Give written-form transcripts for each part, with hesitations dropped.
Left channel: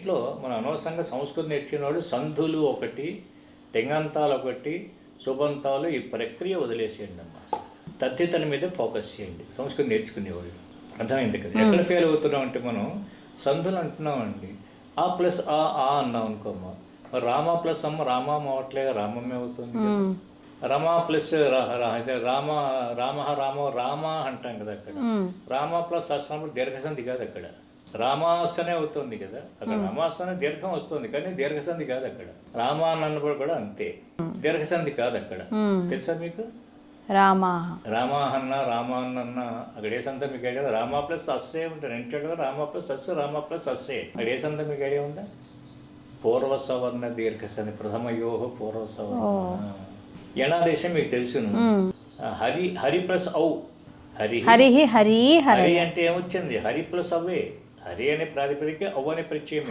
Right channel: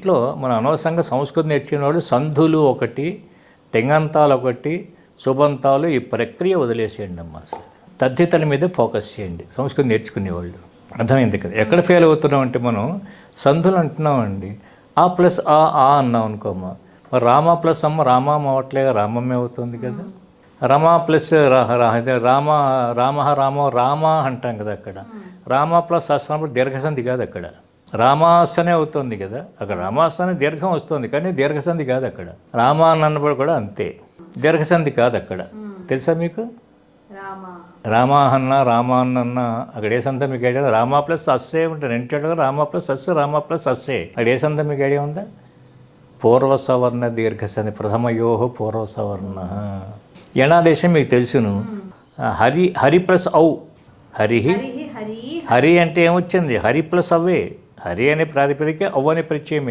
ఇట్లో మన అనవసరంగా సంస్కృతి నేర్చుకునే వాళ్ళు సంధులు ఒకటి, తెంగంతాలు ఒకటి, సుబంతాలు ఈ ప్రక్రియ వదిలేసేయండి అమ్మా. తద్దితల మీద ఫోకస్ చేయండి సంస్కృతి నేర్చుకునేవాళ్ళు. అర్థమైంది కదా. ఎక్కడ ఫెయిల్ అవుతున్నాం అంటే మనం సంధులు అంటున్నామండి. ఆ ప్లస్ ఆ అన్నాం అనుకోమ్మా, మరి రామ ప్లస్ అమ్మ రామం అవట్లేగా, రామమ్మే అవుతుంది కదా. రమ ప్లస్ రామ రామో రామ అంటాం కదా. అక్కడ రామ ప్లస్ అన్నప్పుడు దీర్ఘసంధి కాదు, అక్కడ రామాసనే అవుతుంది కదా. అక్కడ రామాసనే దీర్ఘం వస్తుంది కానీ దీర్ఘసంధి కాదు అక్కడ. రామ అన్నప్పుడు కూడా అంతే, దీర్ఘసంధి కాదు అక్కడ. తెలుసా మీకు? రామాహన్న రామాన్న అక్కడ ఏ సంత మీకు ఐడియా? రామ ప్లస్ అస్సే ఉంటుంది రెంటేడుగా, రామ ప్లస్ అస్సు రామ ప్లస్ అస్సే. అక్కడ ఏ సంత మీకు ఐడియా ఉందా? పూర్వసవర్ణ దీర్ఘసంధి, ప్రథమయోహో పూర్వసవర్ణ. యణాదేశం మీకు తెలుసును. హరి ప్లస్ ఔ, హరి హరి అంటే ఏమొచ్చింది? హరి ప్లస్ అవే, హరి అనే ప్రాతిపదిక అవ్వ అనే ప్రత్యయమే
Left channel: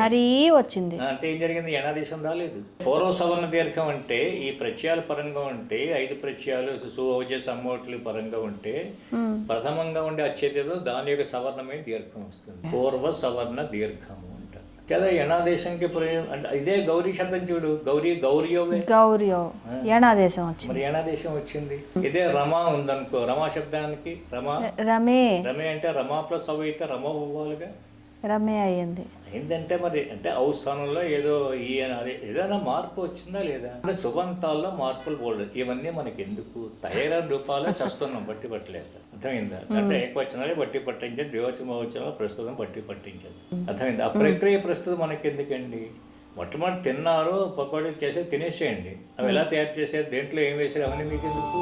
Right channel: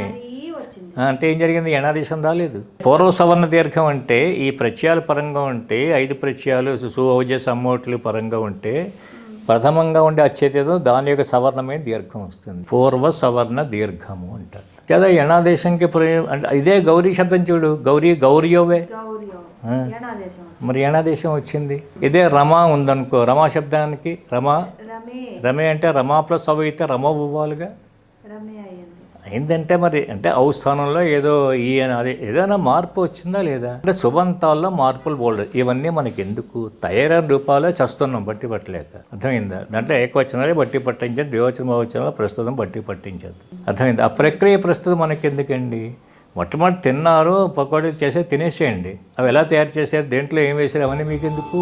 వచ్చింది. అంటే ఏం జరిగింది? యణాదేశం రాలేదు. పూర్వ సవర్ణ దీర్ఘం అంటే ఈ ప్రత్యయాల పరంగా ఉంటే 5 ప్రత్యయాలు సువోజ సమ్మోట్లు పరంగా ఉంటే ప్రథమంగా ఉండే అచ్చేదేదో దాని యొక్క సవర్ణమైన దీర్ఘం వస్తుంది. పూర్వ సవర్ణ దీర్ఘము అంటారు కదా. యణాదేశంకి అంటే ఇదే గౌరీ శబ్దం చూడు, గౌరియవే మరి యణాదేశం వచ్చింది. ఇదే రమా ఉందనుకో, రమా శబ్దానికి రమే అంటే రమా ప్లస్ అవ అయితే రమ అవ్వాలిగా, రమే అయిందంటే మరి అంటే ఔ స్థానంలో ఏదో ఈ అదే ఏదైనా మార్పు వచ్చిందా లేదా? అంటే సుబంతాల్లో మార్పులు బోల్డ్. ఇవన్నీ మనకి ఎందుకు? తయారైన రూపాలే చస్తున్నాం బట్టి పట్టలేక. అర్థమైందా? అంటే ఏకవచనాలే బట్టి పట్టించారు, ద్వివచన బహువచనాలు ప్రస్తుతం బట్టి పట్టించారు. అర్థమైంది? ఆ ప్రక్రియ ప్రస్తుతం మనకి ఎందుకండి? మొట్టమొదటి తిన్నారు, పకోడీలు చేసి తినేసేయండి. అవి ఎలా తయారు చేశారు, దేంట్లో ఏం వేసారు, అవన్నీ మీకు ఎందుకు?